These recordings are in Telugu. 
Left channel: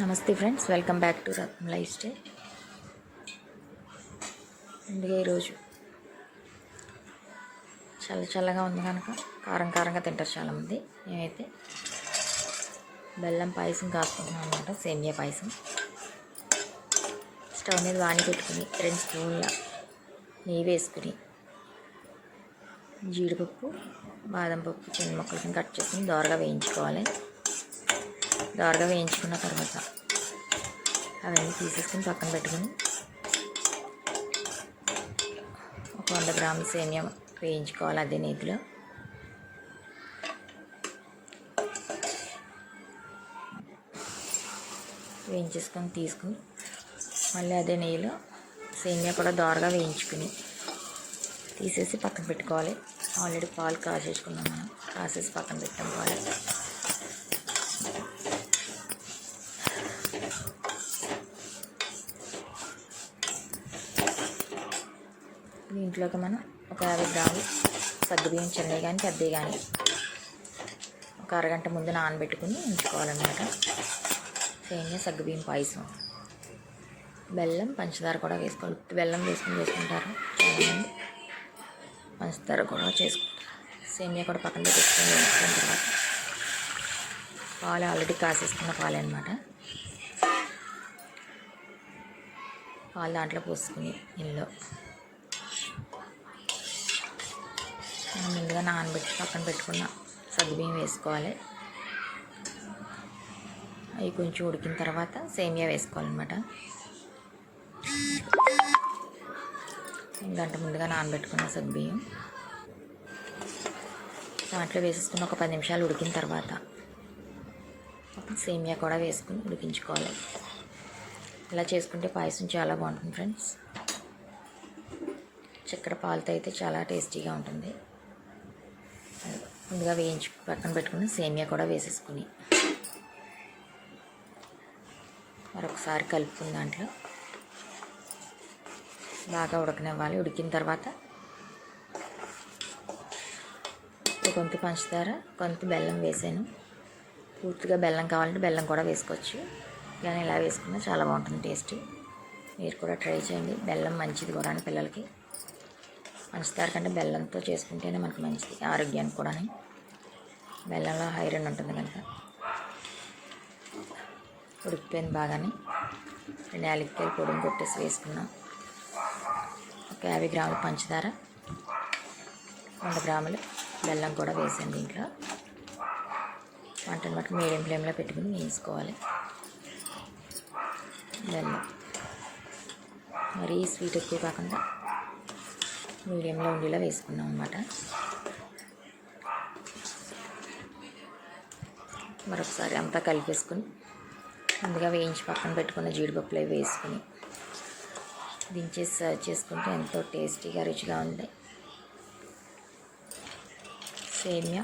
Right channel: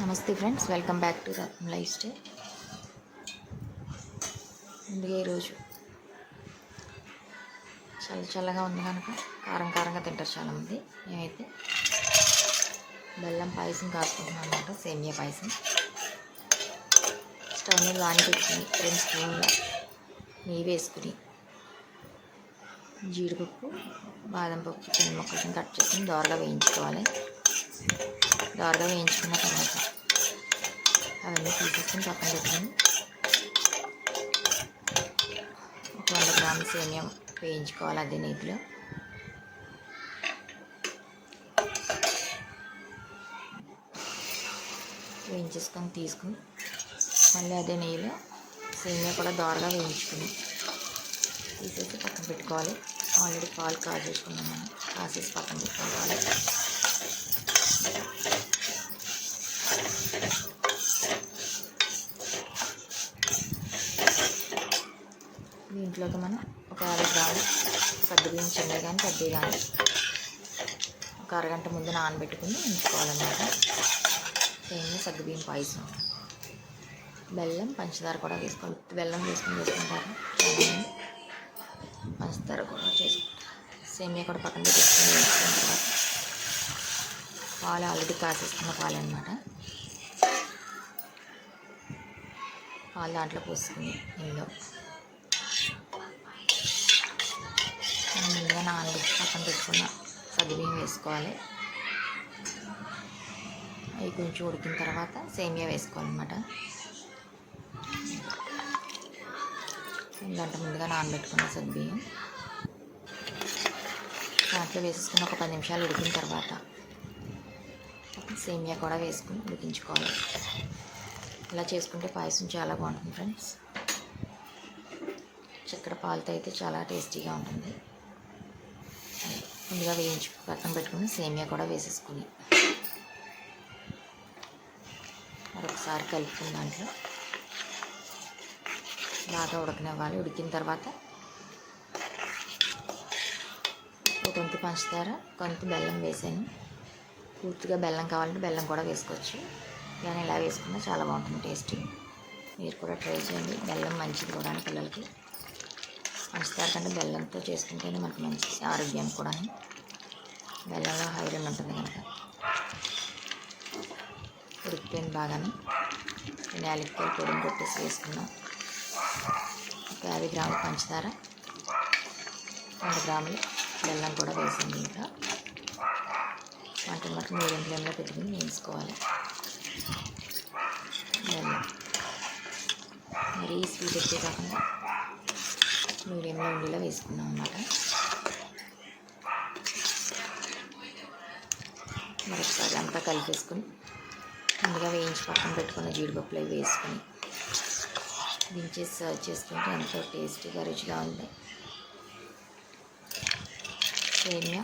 నమస్తే friends, welcome back to Ratnam life style. ముందుగా ఈరోజు చల్లగా ఉంది కనుక కారంగా తింటారు చాలామంది. మేమైతే బెల్లం పాయసం కాసుకుంటున్నాం అన్నమాట, సేమియా పాయసం. స్టవ్ మీద వాణి పెట్టుకుని 2 స్పూన్ల నెయ్యి వేసుకుని జీడిపప్పు, బాదం పప్పు చిన్న ముక్కలు కట్ చేసుకుని దోరగా వేయించుకోవాలి. దోరగా వేయించుకున్న తర్వాత అవన్నీ తీసేసుకుని పక్కన పెట్టుకుని ఒక 100 గ్రాముల సేమియా వేయించుకోవాలి అదే నెయ్యిలో. వేయించేసుకొని తీసుకుని మళ్ళీ అదే నెయ్యిలో సేమియా కూడా దోరగా వేయించుకుని తీసేసి పక్కన పెట్టుకోవాలి. ఆల్రెడీ పాలు కాచేసుకున్నాం, మనం కాసేసి పక్కన పెట్టుకోవాలి. దీంట్లోకి మనం ఒక 50 గ్రాములు సగ్గుబియ్యం, చిన్నవి కానీ పెద్దవి కానీ ఒక అరగంట ముందు నానబెట్టుకుని ఉంచుకోవాలన్నమాట. సేమియా సగ్గుబియ్యం పాయసం. బెల్లం, పంచదార కూడా వేసుకోవాలి. బెల్లం వేసుకుంటారు చాలామంది, పంచదార కూడా చేసుకుంటారు. సేమియా కూడా పక్కన పెట్టేసుకొని వేసుకున్న తర్వాత పాలు ఆల్రెడీ కాసేసుకున్న పాలు అనమాట. పాలు దాంట్లో పోసుకుని ఇందులో మనం ముందుగా నానబెట్టి పక్కన పెట్టుకున్న సగ్గుబియ్యం వేసుకోవాలి. అవి కొంచెం ఉడికిన తర్వాత సేమియా వేసుకోవాలన్నమాట. గంట ముందుగా నానబెట్టుకున్న సగ్గుబియ్యం దాంట్లో వేసేసుకుని ఒక 10 నిమిషాలు ఉడికిన తర్వాత సేమియా కూడా వేసుకుని ఉడికించుకోవాలి. ఇలా చేసుకుంటే పాయసం చాలా బాగుంటుంది ఫ్రెండ్స్. చక్కెర పాలతో అయితే చాలా టేస్టీగా ఉంటుంది. ముందుగా వేయించి పక్కన పెట్టుకుని సేమియా కూడా వేసేసుకుని మరొకసారి కలుపుకుని దాంట్లో బాగా ఉడకనివ్వాలి. ఉడికిన తర్వాత కొంత పంచదార, కొంత బెల్లం వేసాను. పూర్తిగా బెల్లం కావాలంటే బెల్లం కూడా వేసుకోవచ్చు. కానీ ఇలా వేసుకున్నా చాలా బాగుంటుంది టేస్ట్. మీరు కూడా ట్రై చేయండి. బెల్లం మంచిది కూడా పిల్లలకి. పంచదార కంటే బెల్లంతో చేసుకుంటేనే మనకు మంచిది ఆరోగ్యానికి కూడా. బెల్లంలో ఐరన్ ఉంటుంది కనుక. ఉడికిపోయింది బాగానే. 2 యాలక్కాయలు పొడిని కొట్టేసి వేసుకున్నాం. ఒక 50 గ్రాముల పంచదార, 100 గ్రాములు బెల్లం కూడా వేసాను దీంట్లో. వంటను బట్టి మీడియం ఫ్లేమ్లో పెట్టుకుని వేసుకోవాలి. బెల్లం మరీ స్వీట్ ఎక్కువ కాకుండా మీడియంలో ఉండేలా వేసుకున్నాం అన్నమాట. మరొకసారి అంతా కలిపేసుకుని ముందుగా వేయించి పక్కన పెట్టుకున్న జీడిపప్పులు అవి వేసుకుని దించేసి సర్వ్ చేసుకుంటే ఎంతో టేస్టీగా రుచిగా ఉంది సేమియా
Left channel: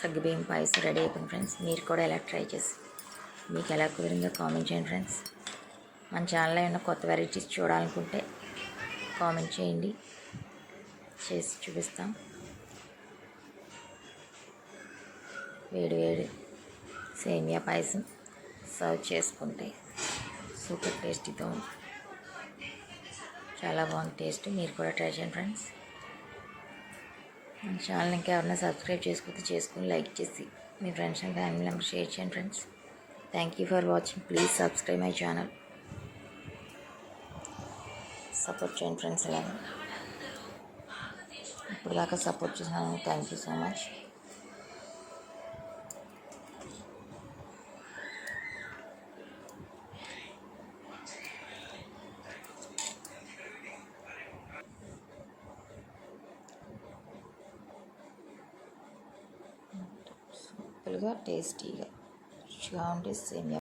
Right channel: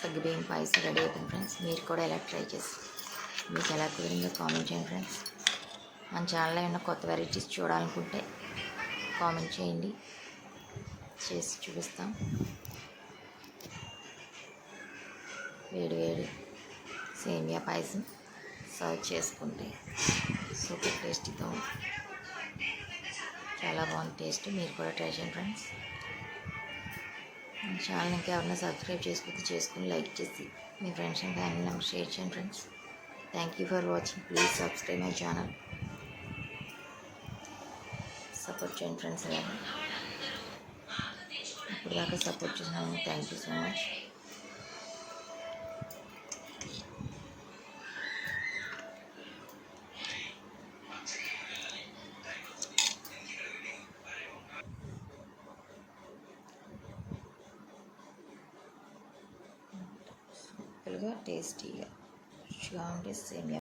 సగ్గుబియ్యం పాయసం రెడీ అయిపోయింది ఫ్రెండ్స్. మీరు కూడా ఎలా ట్రై చేసి మీకు ఎలా కుదిరిందో కామెంట్ చేయండి ఫ్రెండ్స్. మన ఛానల్లో ఏమైనా కొత్త వెరైటీస్ చూడాలనుకుంటే కామెంట్ చేయండి, చేసి చూపిస్తాం. వేడి సేమియా పాయసం సర్వ్ చేసుకుంటే సూపర్ టేస్టీతో ఉంది. చాలా బాగుంది టేస్ట్. మీరు కూడా ట్రై చేయండి ఫ్రెండ్స్. మన ఛానల్ ఇంకా ఎవరైనా సబ్స్క్రైబ్ చేసుకుని లైక్ చేసి మీ friends and family members share చేయండి friends. Thank you for watching. Please subscribe my channel. Support చేయండి ఫ్రెండ్స్. అలాగే ఇప్పుడు దాకా సపోర్ట్ చేసినాను. Thank you so much. సింపుల్గా టేస్టీగా రుచిగా ఉండే సేమియా